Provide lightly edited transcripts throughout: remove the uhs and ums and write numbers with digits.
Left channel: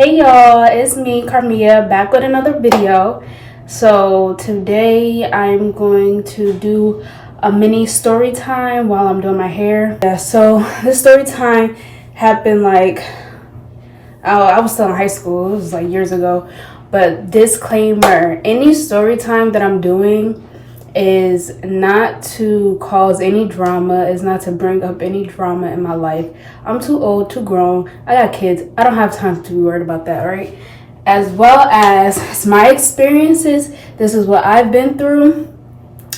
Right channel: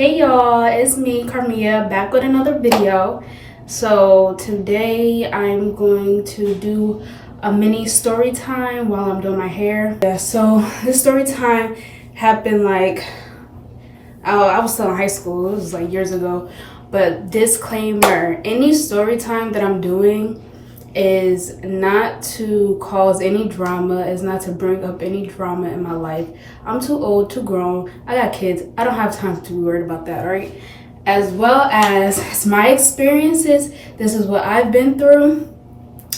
Hey y'all, it's me, Carmia, back with another video. So today I'm going to do a mini story time while I'm doing my hair. Yeah, so this story time happened I was still in high school. It was like years ago. But disclaimer, any story time that I'm doing is not to cause any drama, is not to bring up any drama in my life. I'm too old, too grown. I got kids. I don't have time to be worried about that, all right? As well as it's my experiences. This is what I've been through.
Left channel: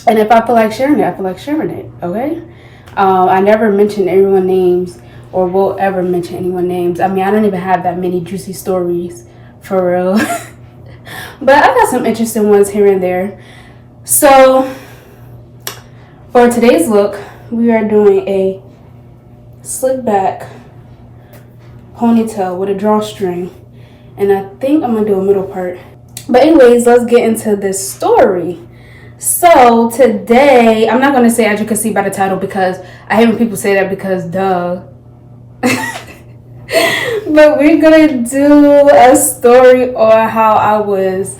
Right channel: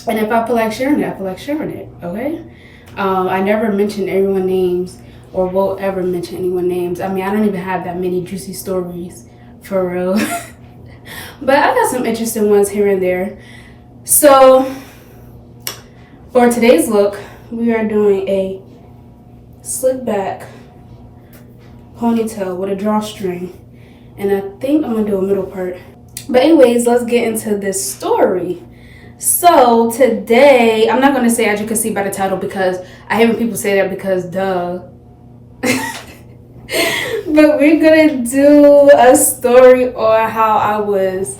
And if I feel like sharing it, I feel like sharing it, okay? I never mention everyone's names or will ever mention anyone's names. I mean, I don't even have that many juicy stories, for real. But I got some interesting ones here and there. So, for today's look, we are doing a slick back ponytail with a drawstring. And I think I'm going to do a middle part. But anyways, let's get into this story. So, today, I'm not going to say as you can see by the title because I hate when people say that because duh. But we're going to do a story on how I was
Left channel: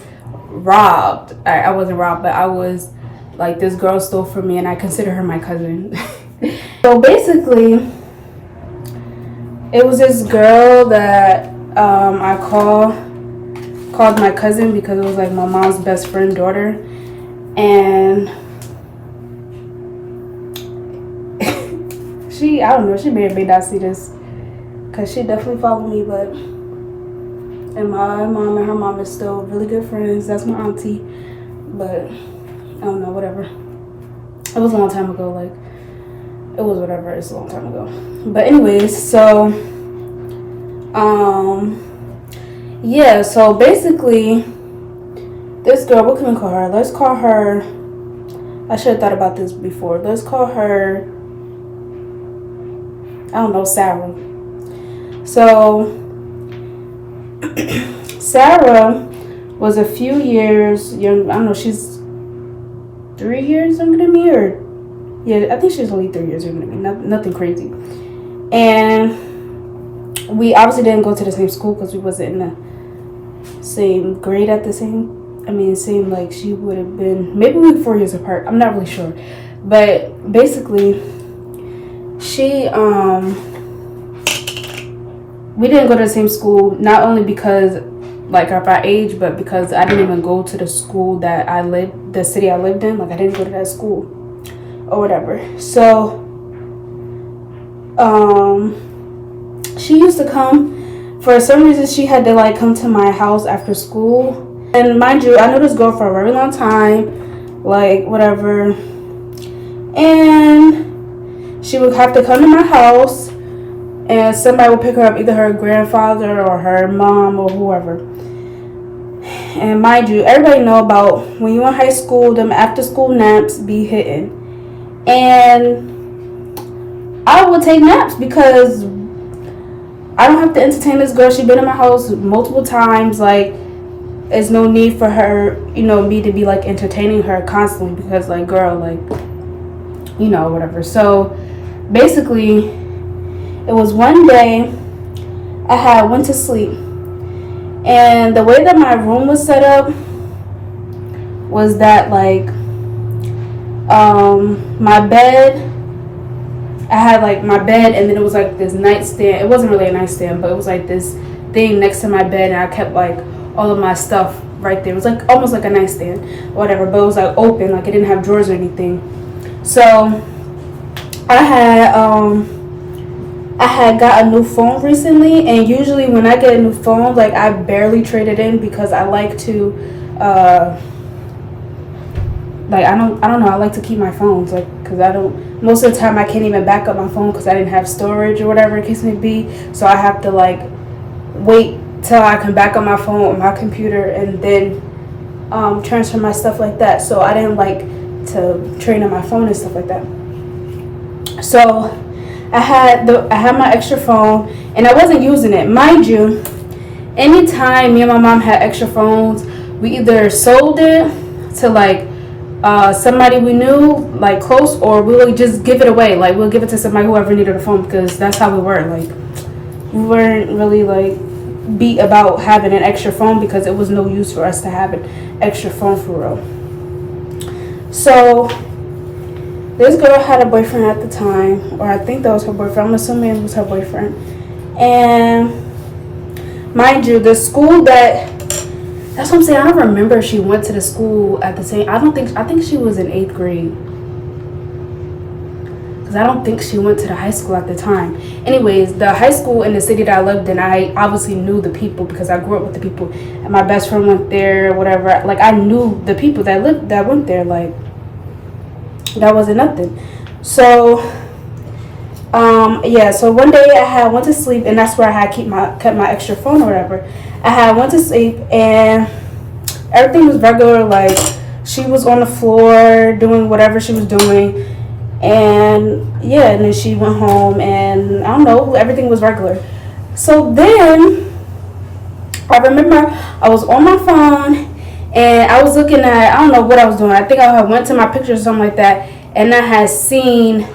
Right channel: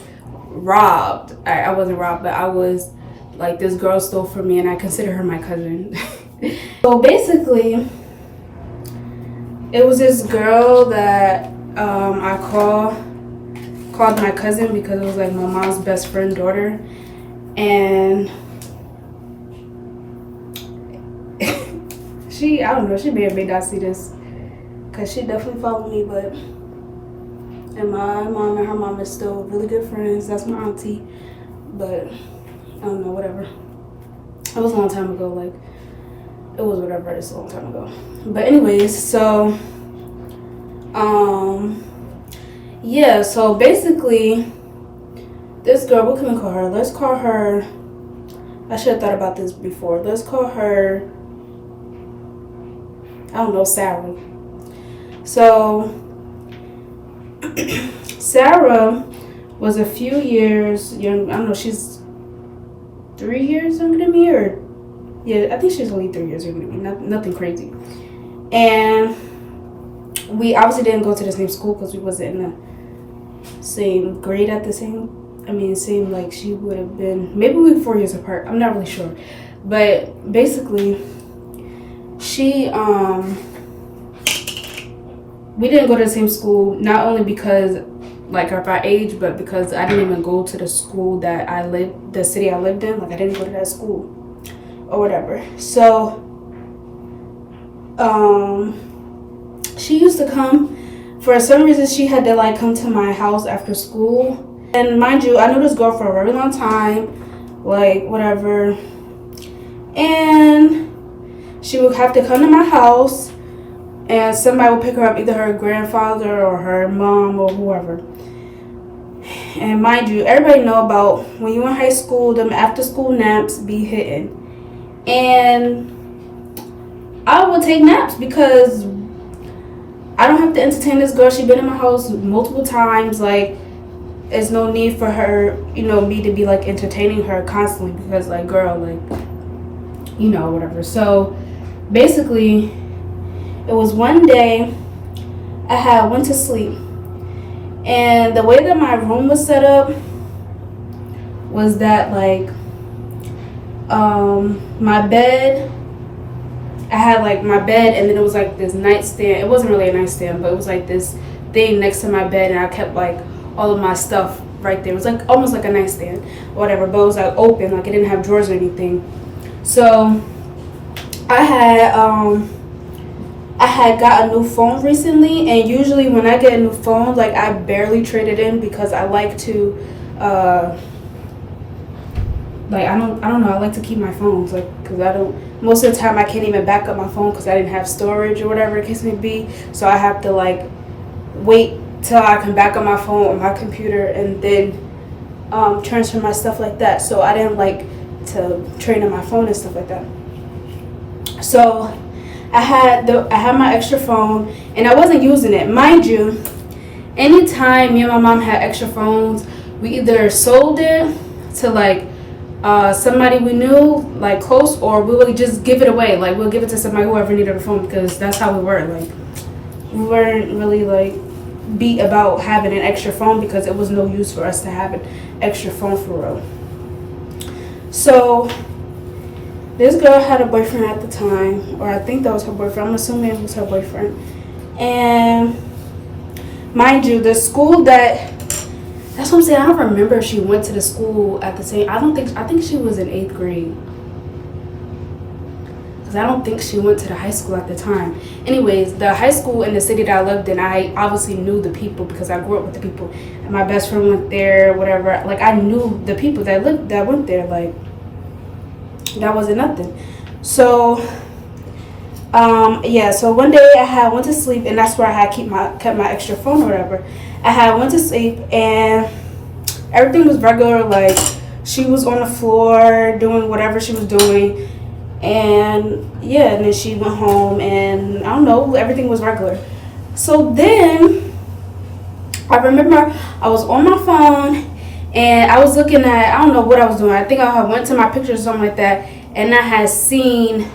robbed. I wasn't robbed, but I was like, this girl stole from me and I consider her my cousin. So basically, it was this girl that I called my cousin because it was like my mom's best friend daughter. And I don't know, she may or may not see this because she definitely followed me, but and my mom and her mom is still really good friends. That's my auntie. But I don't know, whatever. It was a long time ago. Like, it was whatever. It's a long time ago. But anyways, so, yeah. So basically, this girl, what can we call her? Let's call her, I should have thought about this before. Let's call her, I don't know, Sarah. So, Sarah was a few years young. I don't know, she's 3 years younger than me, or yeah, I think she's only 3 years younger than me. Nothing crazy. And we obviously didn't go to the same school because we wasn't in the same grade at the same. It seemed like she would have been, maybe we were 4 years apart. I'm not really sure, but basically, we didn't go to the same school, not only because like of our age, but because I didn't even go to the school that the city I lived in. Like, I didn't go to that school or whatever. So, she used to come, for some reason she had to like come to my house after school. And mind you, I knew this girl for a very long time, like whatever. And she would have to come to my house and somebody would pick her up, either her grandfather or her mom or whoever. And mind you, everybody know about when you're in high school, them after school naps be hitting. And I would take naps because I don't have to entertain this girl. She's been in my house multiple times. Like, there's no need for her, me to be like entertaining her constantly because like, girl, like, whatever. So basically, it was one day I went to sleep, and the way that my room was set up was that like my bed, I had like my bed, and then it was like this nightstand. It wasn't really a nightstand, but it was like this thing next to my bed, and I kept like all of my stuff right there. It was like almost like a nightstand, whatever, but it was like open, like it didn't have drawers or anything. So I had got a new phone recently, and usually when I get a new phone, like, I barely trade it in because I like to, like, I don't know, I like to keep my phones, like, because most of the time I can't even back up my phone because I didn't have storage or whatever the case may be, so I have to, like, wait till I can back up my phone on my computer and then transfer my stuff like that. So I didn't like to trade on my phone and stuff like that. So I had my extra phone and I wasn't using it. Mind you, anytime me and my mom had extra phones, we either sold it to like somebody we knew, like close, or we would just give it away. Like, we'll give it to somebody, whoever needed a phone, because that's how we were. Like, we weren't really like beat about having an extra phone because it was no use for us to have an extra phone for real. So this girl had a boyfriend at the time, or I think that was her boyfriend. I'm assuming it was her boyfriend. And mind you, the school that's what I'm saying. I don't remember if she went to the school at the same. I think she was in 8th grade. Because I don't think she went to the high school at the time. Anyways, the high school in the city that I lived in, I obviously knew the people because I grew up with the people. And my best friend went there, whatever. Like, I knew the people that went there. Like, that wasn't nothing. So so one day I went to sleep, and that's where I had kept my extra phone or whatever. I went to sleep, and everything was regular. Like, she was on the floor doing whatever she was doing, and then she went home, and I don't know, everything was regular. So then I remember I was on my phone, and I was looking at, I don't know what I was doing. I think I went to my pictures or something like that, and I had seen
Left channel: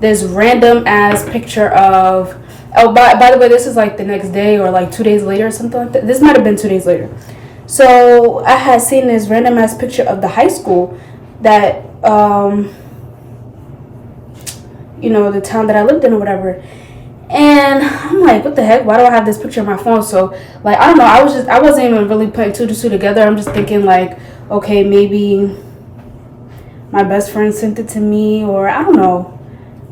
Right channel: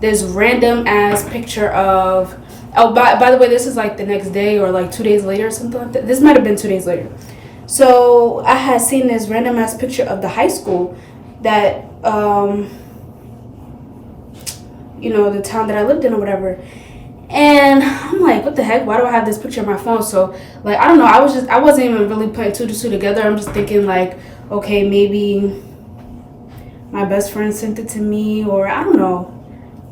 this random ass picture of, by the way, this is like the next day or like 2 days later or something like that. This might have been 2 days later. So I had seen this random ass picture of the high school that, the town that I lived in or whatever. And I'm like, what the heck? Why do I have this picture on my phone? So, like, I don't know. I wasn't even really putting two to two together. I'm just thinking, like, okay, maybe my best friend sent it to me, or I don't know.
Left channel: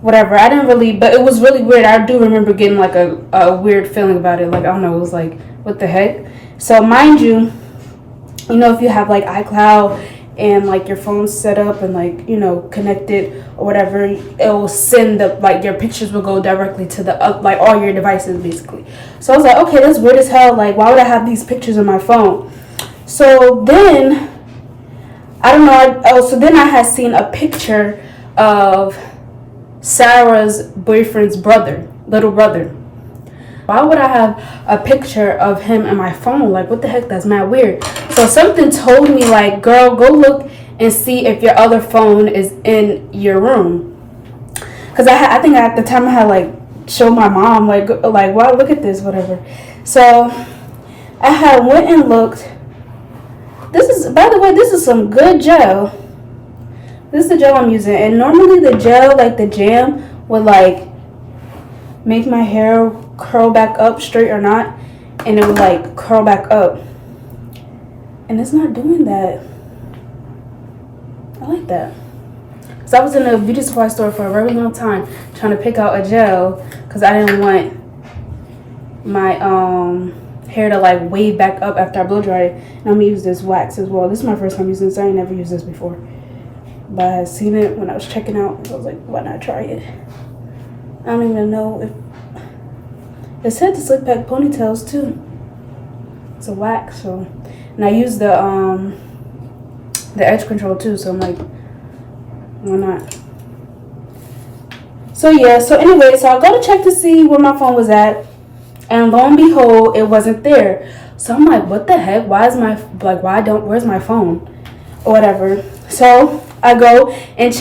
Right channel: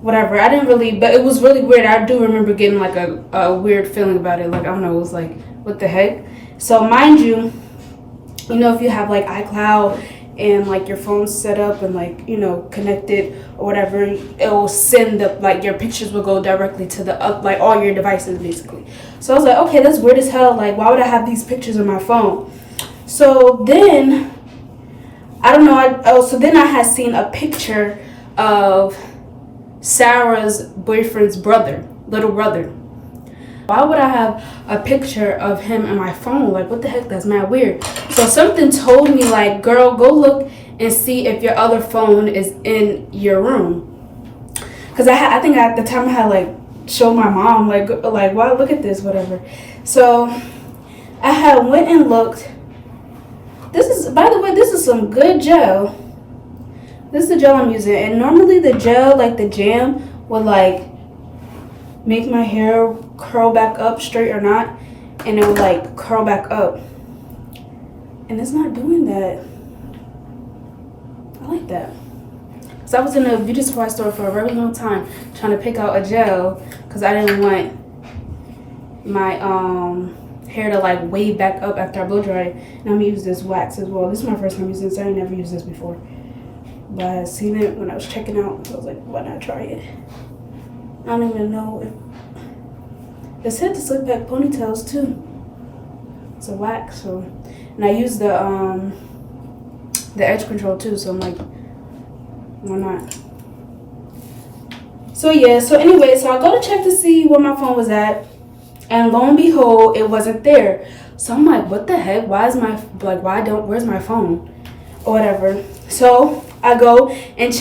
Whatever. I didn't really, but it was really weird. I do remember getting, like, a weird feeling about it. Like, I don't know. It was like, what the heck? So, mind you, if you have, like, iCloud and, like, your phone's set up and, like, connected or whatever, it'll send your pictures will go directly to like, all your devices, basically. So I was like, okay, that's weird as hell. Like, why would I have these pictures on my phone? So then, I don't know. So then I had seen a picture of Sarah's boyfriend's little brother. Why would I have a picture of him in my phone? Like, what the heck? That's mad weird. So something told me, like, girl, go look and see if your other phone is in your room. Because I think at the time I had, like, showed my mom, like, wow, look at this, whatever. So I had went and looked. By the way, this is some good gel. This is the gel I'm using. And normally the gel, like the jam, would, like, make my hair curl back up straight or not, and it would, like, curl back up, and it's not doing that. I like that. So I was in a beauty supply store for a very long time trying to pick out a gel because I didn't want my hair to, like, wave back up after I blow dry it. And I'm gonna use this wax as well. This is my first time using this. I ain't never used this before, but I had seen it when I was checking out, so I was like, why not try it? I don't even know if it said to slick back ponytails too. It's a wax, so, and I use the edge control too, so I'm like, why not? So anyway, so I go to check to see where my phone was at, and lo and behold, it wasn't there. So I'm like, what the heck? Where's my phone? Or whatever. So I go and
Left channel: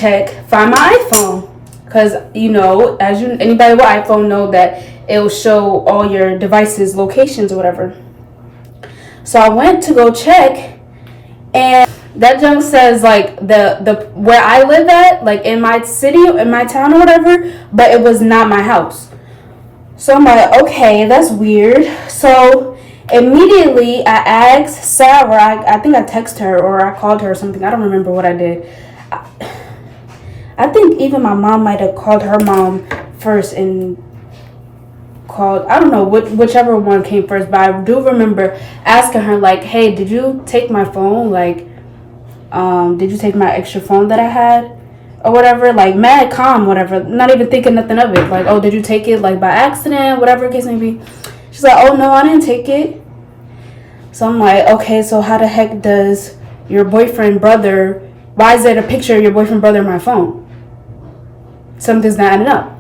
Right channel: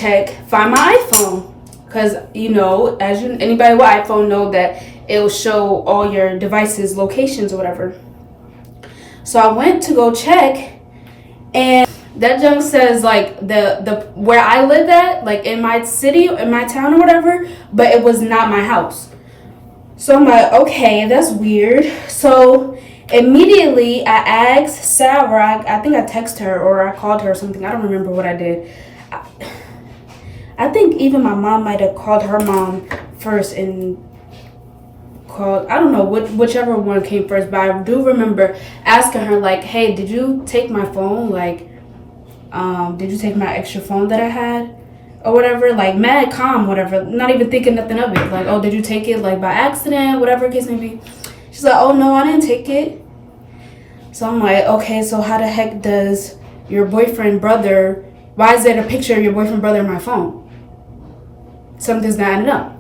find my iPhone. Because, anybody with iPhone know that it'll show all your devices' locations or whatever. So I went to go check, and that junk says, like, the where I live at, like, in my city, in my town or whatever, but it was not my house. So I'm like, okay, that's weird. So immediately I asked Sarah, I think I texted her or I called her or something. I don't remember what I did. I think even my mom might have called her mom first and called, I don't know, whichever one came first, but I do remember asking her, like, hey, did you take my phone? Like, did you take my extra phone that I had? Or whatever, like, mad calm, whatever, not even thinking nothing of it. Like, oh, did you take it, like, by accident, whatever the case may be. She's like, oh, no, I didn't take it. So I'm like, okay, so how the heck does your boyfriend brother, why is there a picture of your boyfriend brother in my phone? Something's not adding up.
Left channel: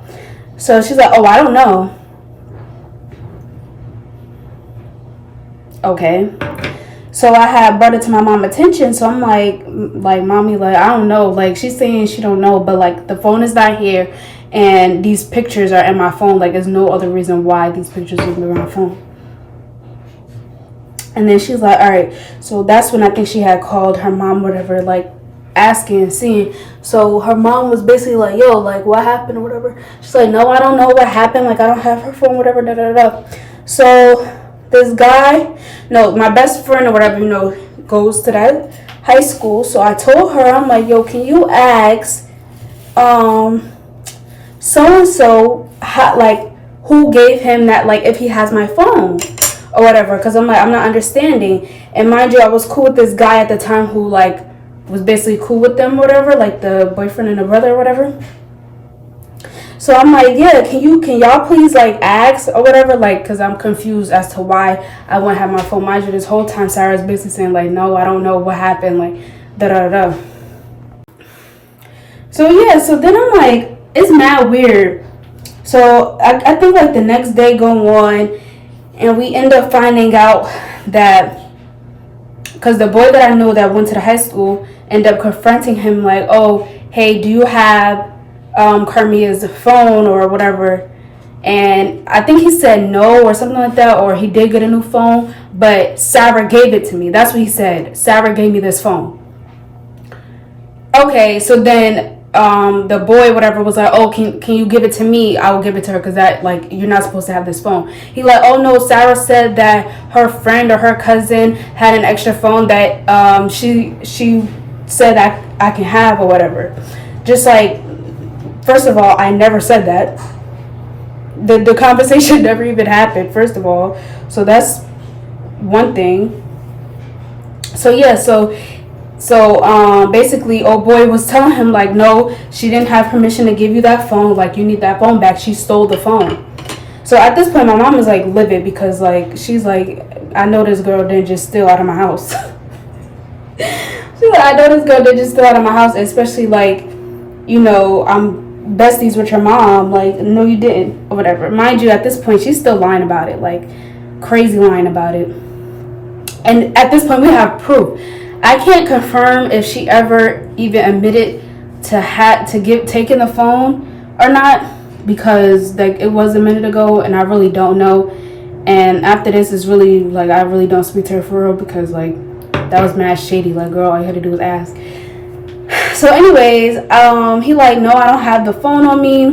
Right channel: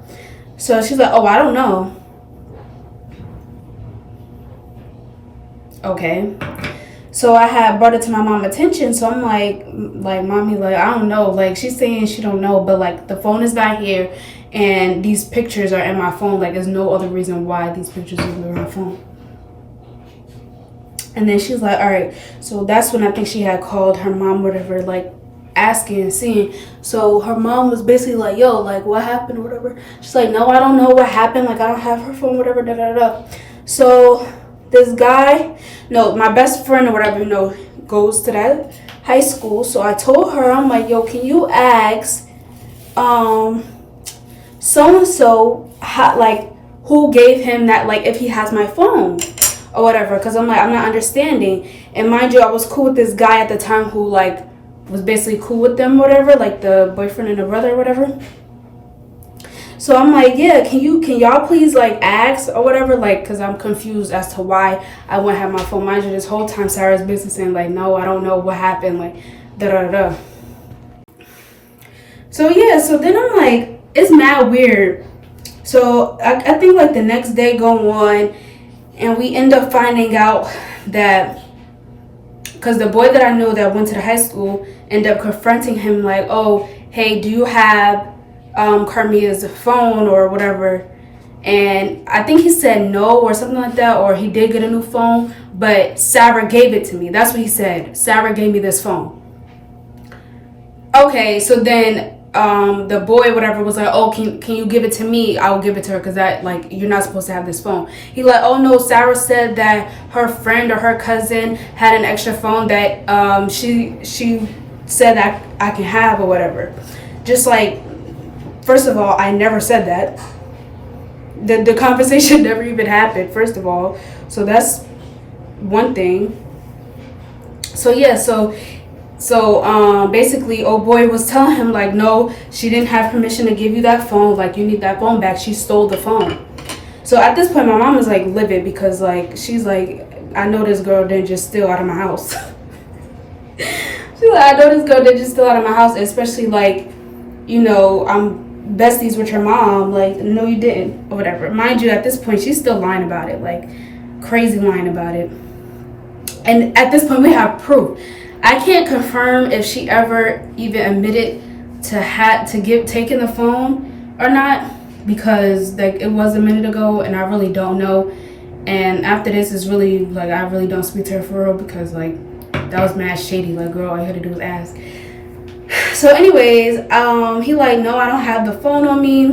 So she's like, oh, I don't know. Okay. So I had brought it to my mom's attention. So I'm like, mommy, like, I don't know. Like, she's saying she don't know, but, like, the phone is not here, and these pictures are in my phone. Like, there's no other reason why these pictures would be in my phone. And then she's like, all right. So that's when I think she had called her mom, whatever, like asking and seeing. So her mom was basically like, yo, like what happened or whatever. She's like, no, I don't know what happened. Like I don't have her phone, whatever, da da da. So this guy, no, my best friend or whatever, goes to that high school. So I told her, I'm like, yo, can you ask so and so like who gave him that, like if he has my phone or whatever, because I'm like, I'm not understanding. And mind you, I was cool with this guy at the time who like was basically cool with them, whatever, like the boyfriend and the brother or whatever. So I'm like, yeah, can y'all please like ask or whatever, like, because I'm confused as to why I wouldn't have my phone. Mind you, this whole time Sarah's basically saying like, no, I don't know what happened, like da da da. So yeah, so then I'm like, it's mad weird. So I think like the next day go on, and we end up finding out that, because the boy that I know that went to the high school ended up confronting him like, oh, hey, do you have Carmia's phone or whatever? And I think he said no or something like that, or he did get a new phone, but Sarah gave it to me. That's what he said. Sarah gave me this phone. Okay, so then the boy whatever was like, oh, can you give it to me? I will give it to her, because that, like, you're not supposed to have this phone. He like, oh no, Sarah said that her friend or her cousin had an extra phone that she said I can have or whatever. Just like, first of all, I never said that. The conversation never even happened, first of all. So that's one thing. So yeah, so basically old boy was telling him like, no, she didn't have permission to give you that phone, like you need that phone back, she stole the phone. So at this point my mom is like livid, because like she's like, I know this girl didn't just steal out of my house. She's like, I know this girl didn't just steal out of my house, especially like, I'm besties with your mom, like no you didn't or whatever. Mind you, at this point she's still lying about it, like crazy lying about it. And at this point we have proof. I can't confirm if she ever even admitted to taking the phone or not, because like it was a minute ago and I really don't know. And after this is really like, I really don't speak to her for real, because like that was mad shady. Like, girl, all you had to do was ask. So anyways, he like, no, I don't have the phone on me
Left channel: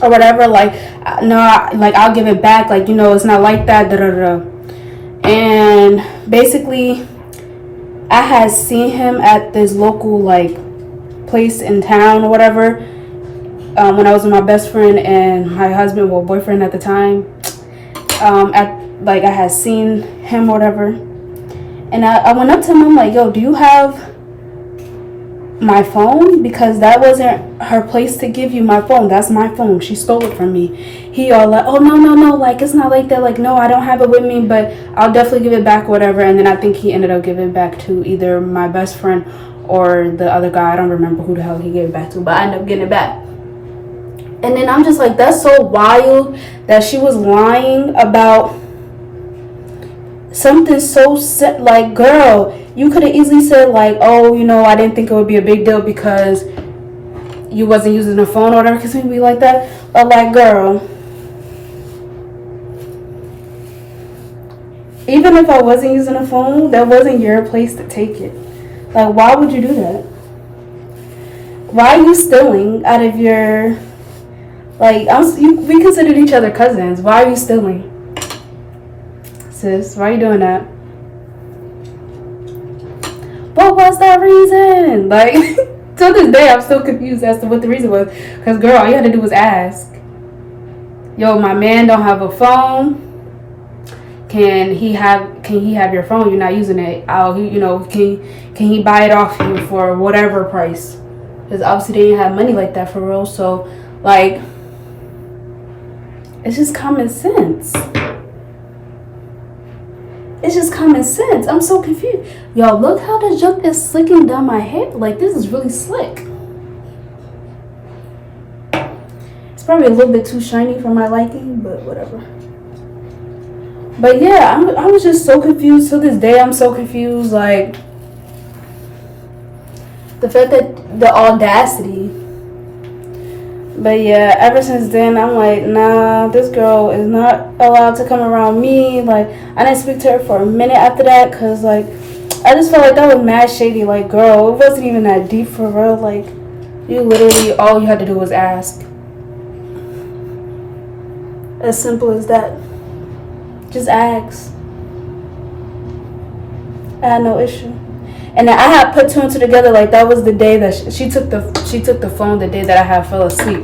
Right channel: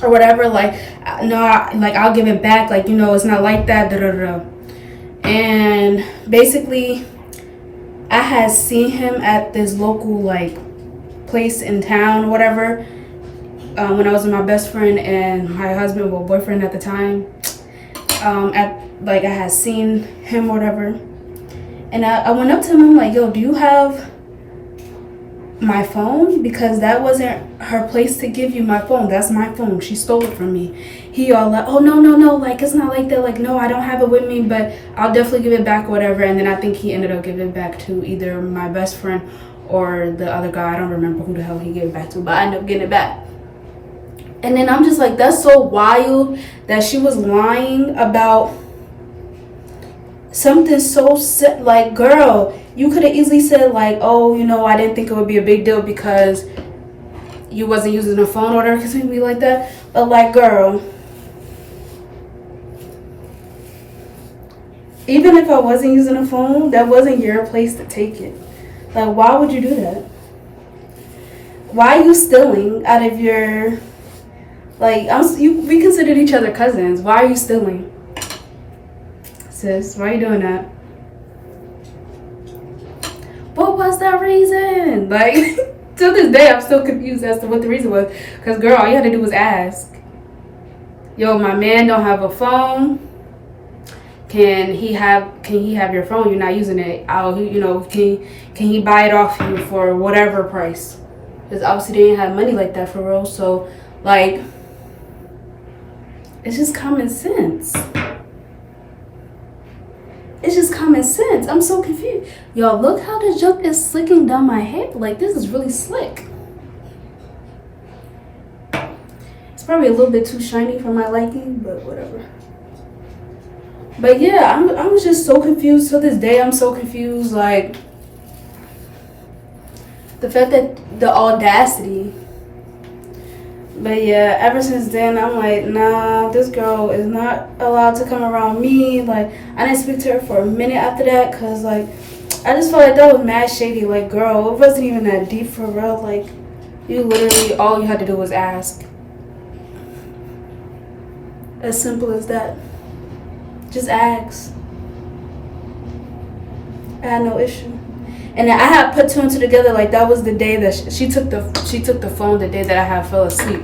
or whatever, like no, like I'll give it back, like it's not like that, da da da. And basically I had seen him at this local like place in town or whatever, when I was with my best friend and my husband, well, boyfriend at the time. I had seen him or whatever, and I went up to him. I'm like, yo, do you have my phone? Because that wasn't her place to give you my phone. That's my phone. She stole it from me. He all like, oh no, like it's not like that. Like, no, I don't have it with me, but I'll definitely give it back, whatever. And then I think he ended up giving it back to either my best friend or the other guy. I don't remember who the hell he gave it back to, but I ended up getting it back. And then I'm just like, that's so wild that she was lying about something so like, girl, you could have easily said like, oh, I didn't think it would be a big deal because you wasn't using a phone or whatever, because it'd be like that. But like, girl, even if I wasn't using a phone, that wasn't your place to take it. Like, why would you do that? Why are you stealing out of your, like, we considered each other cousins. Why are you stealing? Sis, why are you doing that? What was that reason? Like, to this day, I'm still confused as to what the reason was. Because, girl, all you had to do was ask. Yo, my man don't have a phone. Can he have your phone? You're not using it. Can he buy it off you for whatever price? Because obviously they didn't have money like that for real. So, like, it's just common sense. It's just common sense. I'm so confused. Y'all, look how the junk is slicking down my hair. Like, this is really slick. It's probably a little bit too shiny for my liking, but whatever. But yeah, I was just so confused. To this day, I'm so confused. Like, the fact that the audacity But yeah, ever since then, I'm like, nah, this girl is not allowed to come around me. Like, I didn't speak to her for a minute after that, cause like, I just felt like that was mad shady. Like, girl, it wasn't even that deep for real. Like, you literally, all you had to do was ask. As simple as that. Just ask. I had no issue. And I had put two and two together. Like, that was the day that she took the phone the day that I had fell asleep.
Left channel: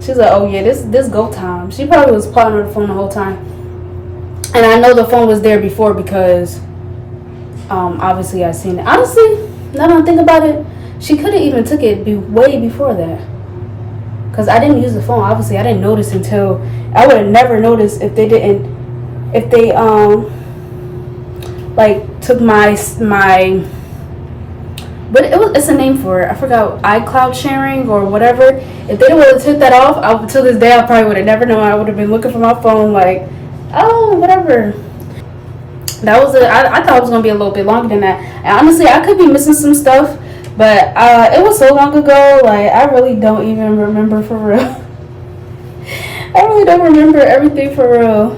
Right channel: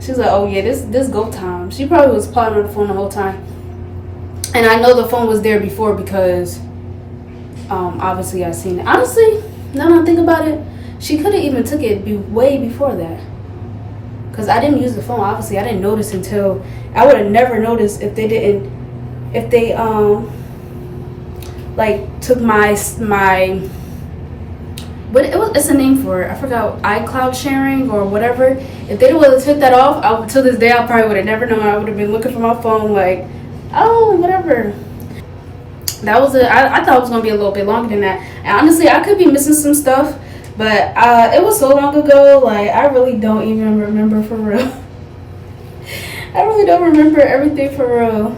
She was like, oh yeah, this go time. She probably was plotting on the phone the whole time. And I know the phone was there before because obviously I seen it. Honestly, now that I think about it, she could have even took it way before that. Cause I didn't use the phone. Obviously, I didn't notice until I would have never noticed if they like took my but it's a name for it. I forgot, iCloud sharing or whatever. If they would have took that off, till this day I probably would have never known. I would have been looking for my phone like, oh, whatever. That was I thought it was gonna be a little bit longer than that. And honestly, I could be missing some stuff, but it was so long ago. Like, I really don't even remember for real. I really don't remember everything for real.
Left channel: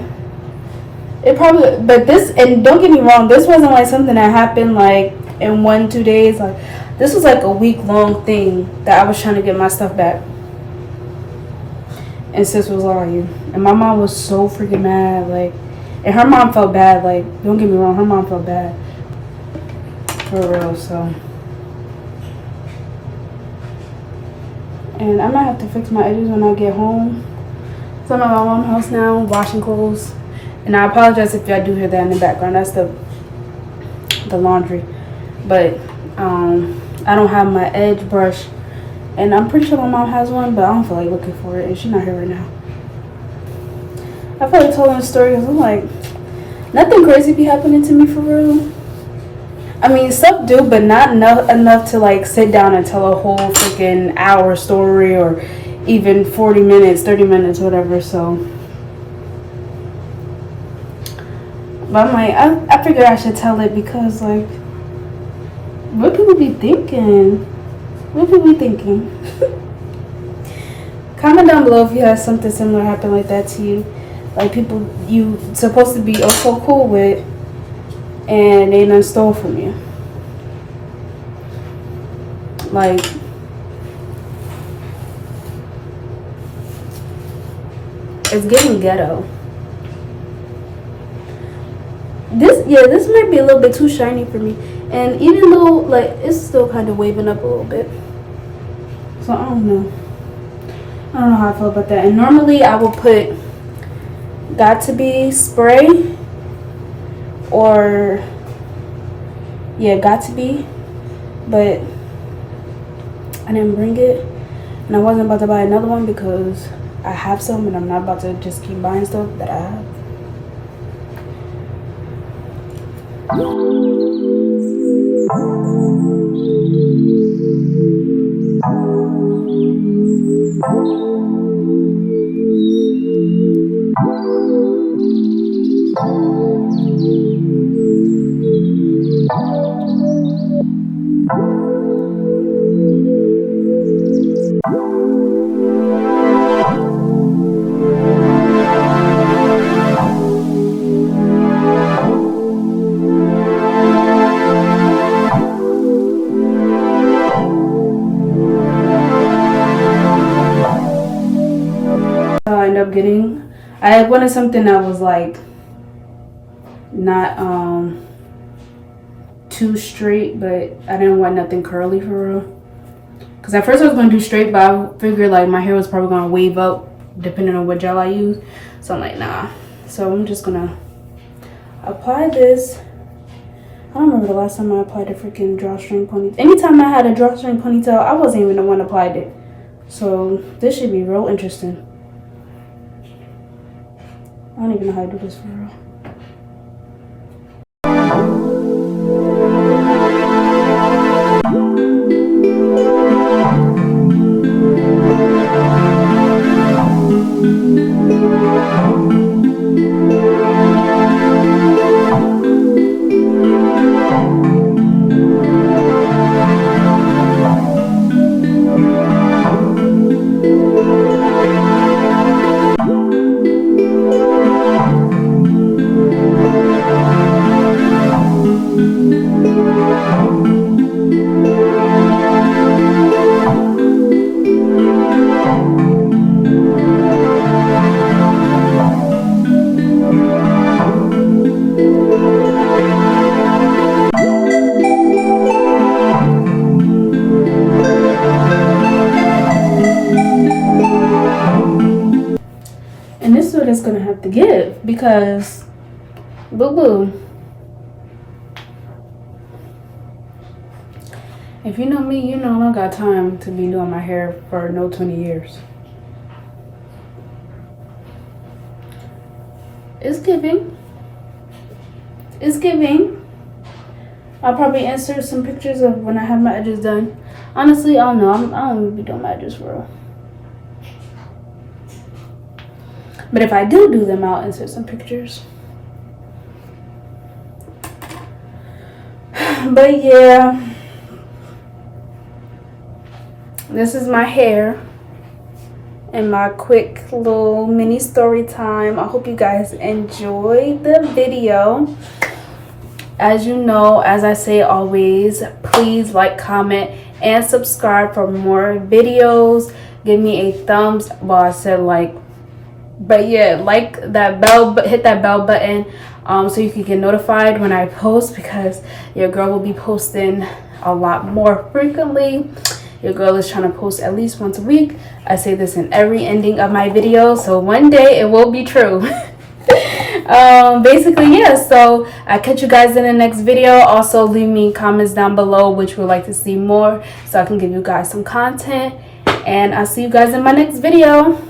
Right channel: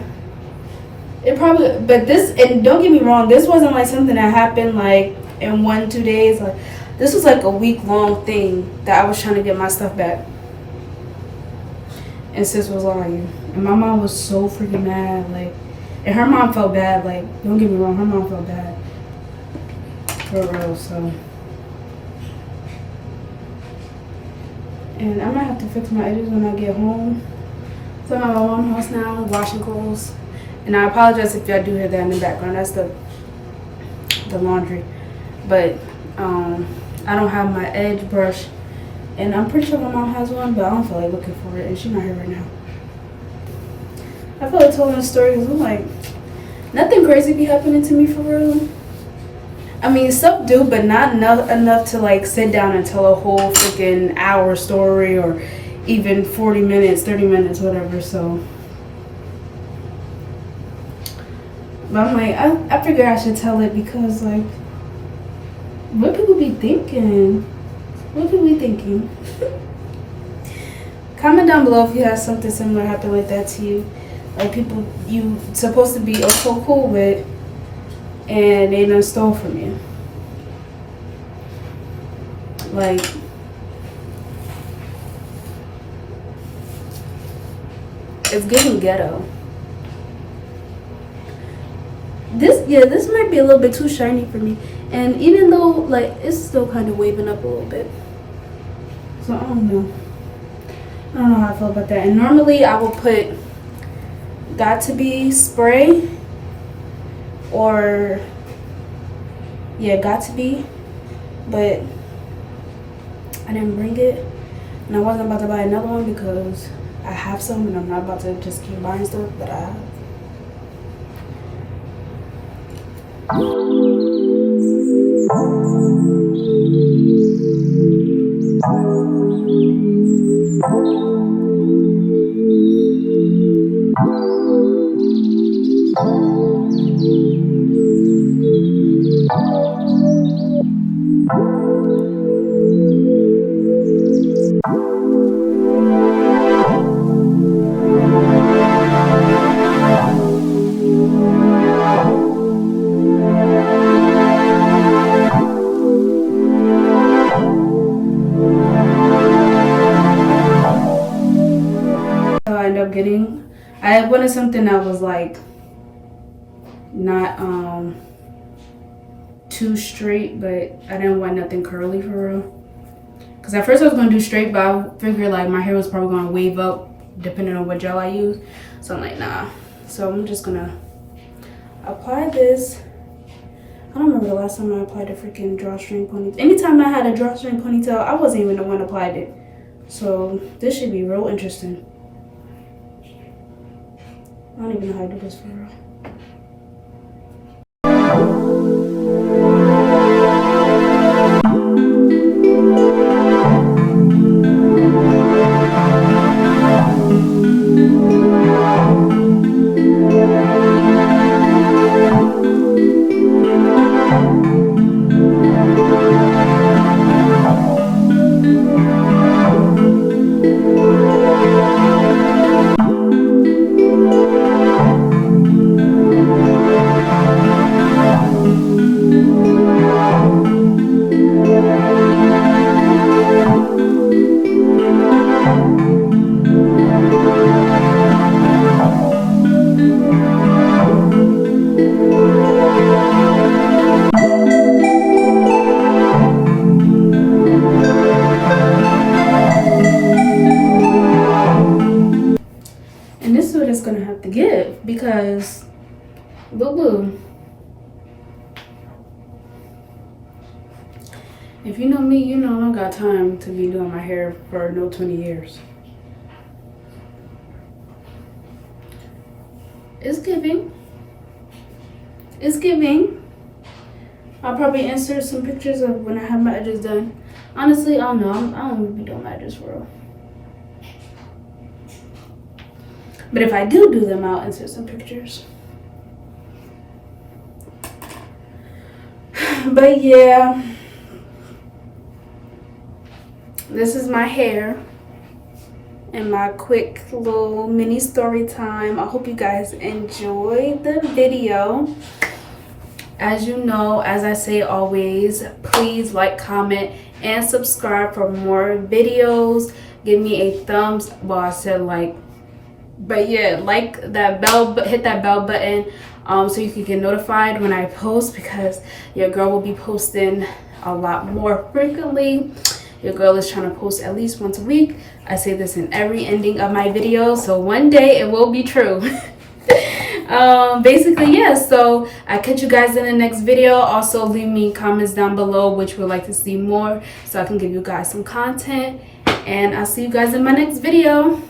It probably, but this, and don't get me wrong, this wasn't like something that happened like in 1-2 days. Like, this was like a week-long thing that I was trying to get my stuff back. And sis was lying, and my mom was so freaking mad. Like, and her mom felt bad. Like, don't get me wrong, her mom felt bad for real. So, and I might have to fix my edges when I get home. So I'm at my mom's house now, washing clothes. And I apologize if y'all do hear that in the background. That's the laundry. But I don't have my edge brush. And I'm pretty sure my mom has one, but I don't feel like looking for it. And she's not here right now. I feel like telling a story because I'm like, nothing crazy be happening to me for real. I mean, stuff do, but not enough to like sit down and tell a whole freaking hour story or even 40 minutes, 30 minutes, whatever. So, but I'm like, I figure I should tell it because, like, what people be thinking? What people be thinking? Comment down below if you have something similar happen like that to you. Like, people you supposed to be so cool with and they done stole from you. Like, it's getting ghetto. This might be a little bit too shiny for me. And even though, like, it's still kind of waving up a little bit. So, I don't know. I don't know how I feel about that. And normally I will put Got To Be spray or, yeah, Got To Be. But I didn't bring it. And I wasn't about to buy another one because I have some and I'm not about to just keep buying stuff that I have. I wanted something that was like not too straight, but I didn't want nothing curly for real. Because at first I was going to do straight, but I figured like my hair was probably going to wave up depending on what gel I use. So I'm like, nah. So I'm just going to apply this. I don't remember the last time I applied a freaking drawstring ponytail. Anytime I had a drawstring ponytail, I wasn't even the one that applied it. So this should be real interesting. I don't even know how to do this for real. And this is what it's gonna have to give, because boo-boo. If you know me, you know I don't got time to be doing my hair for no 20 years. It's giving. It's giving. I'll probably insert some pictures of when I have my edges done. Honestly, I don't know. I don't even be doing my edges for real. But if I do them, I'll insert some pictures. But yeah, this is my hair and my quick little mini story time. I hope you guys enjoyed the video. As you know, as I say always, please like, comment, and subscribe for more videos. Give me a thumbs, well, I said like, but yeah, like that bell, hit that bell button so you can get notified when I post, because your girl will be posting a lot more frequently. Your girl is trying to post at least once a week. I say this in every ending of my video, so one day it will be true. Basically, yeah, so I catch you guys in the next video. Also, leave me comments down below which would like to see more, so I can give you guys some content, and I'll see you guys in my next video.